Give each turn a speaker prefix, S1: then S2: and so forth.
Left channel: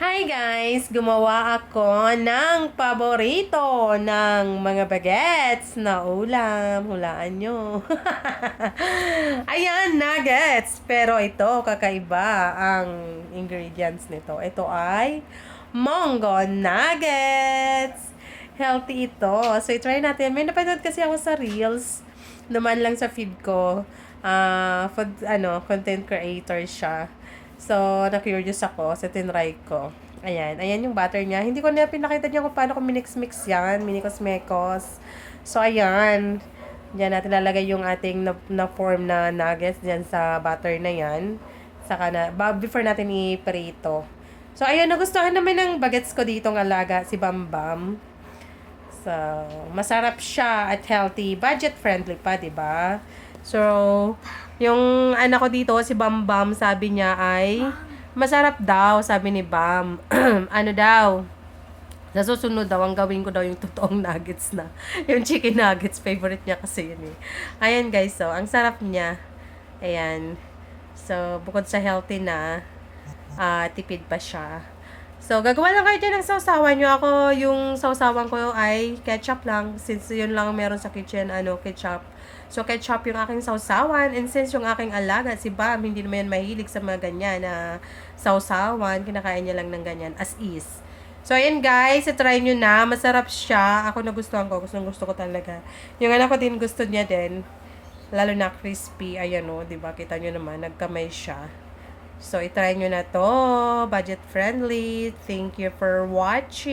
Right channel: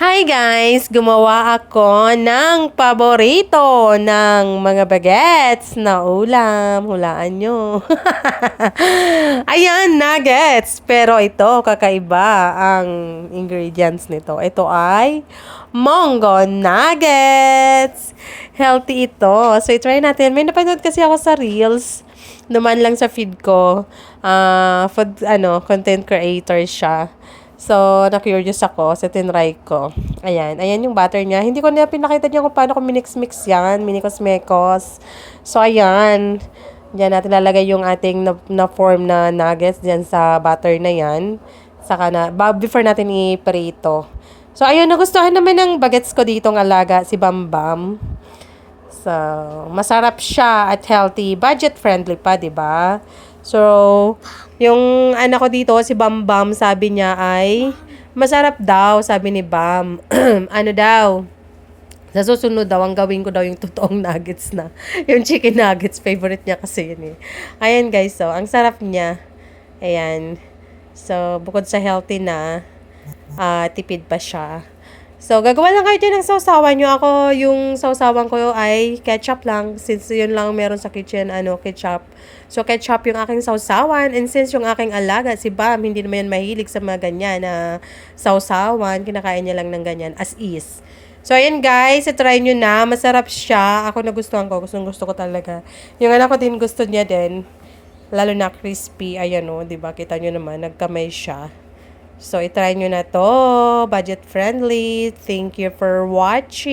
S1: Hi guys! Gumawa ako ng paborito ng mga bagets na ulam. Hulaan nyo. Ayan, nuggets. Pero ito, kakaiba ang ingredients nito. Ito ay Mongo Nuggets. Healthy ito. So, try natin. May napanood kasi ako sa Reels. Naman lang sa feed ko. Ah, food, ano, content creator siya. So, na-curious ako. So, tinry ko. Ayan. Ayan yung butter niya. Hindi ko na pinakita niya kung paano ko minix-mix yan. Minikos-mekos. So, ayan. Diyan natin lalagay yung ating na, na na nuggets diyan sa butter na yan. Saka na, before natin i-prito. So, ayun, nagustuhan naman ng bagets ko ditong alaga, si Bambam. So, masarap siya at healthy. Budget friendly pa, 'di ba? So, yung anak ko dito, si Bam Bam, sabi niya ay masarap daw, sabi ni Bam. ano daw? Sa susunod daw, ang gawin ko daw yung totoong nuggets na. yung chicken nuggets, favorite niya kasi yun eh. Ayan guys, so, ang sarap niya. Ayan. So, bukod sa healthy na, ah, tipid pa siya. So, gagawa lang kayo dyan ng sausawan nyo. Ako, yung sausawan ko ay ketchup lang. Since yun lang meron sa kitchen, ano, ketchup. So, ketchup yung aking sausawan. And since yung aking alaga, si Bam, hindi naman yan mahilig sa mga ganyan na sausawan. Kinakain niya lang ng ganyan, as is. So, ayan guys, try nyo na. Masarap siya. Ako nagustuhan ko. Gustong gusto ko talaga. Yung anak ko din gusto niya din. Lalo na crispy. Ayan o, di ba? Kita nyo naman, nagkamay siya. So, itry nyo na to. Budget friendly. Thank you for watching.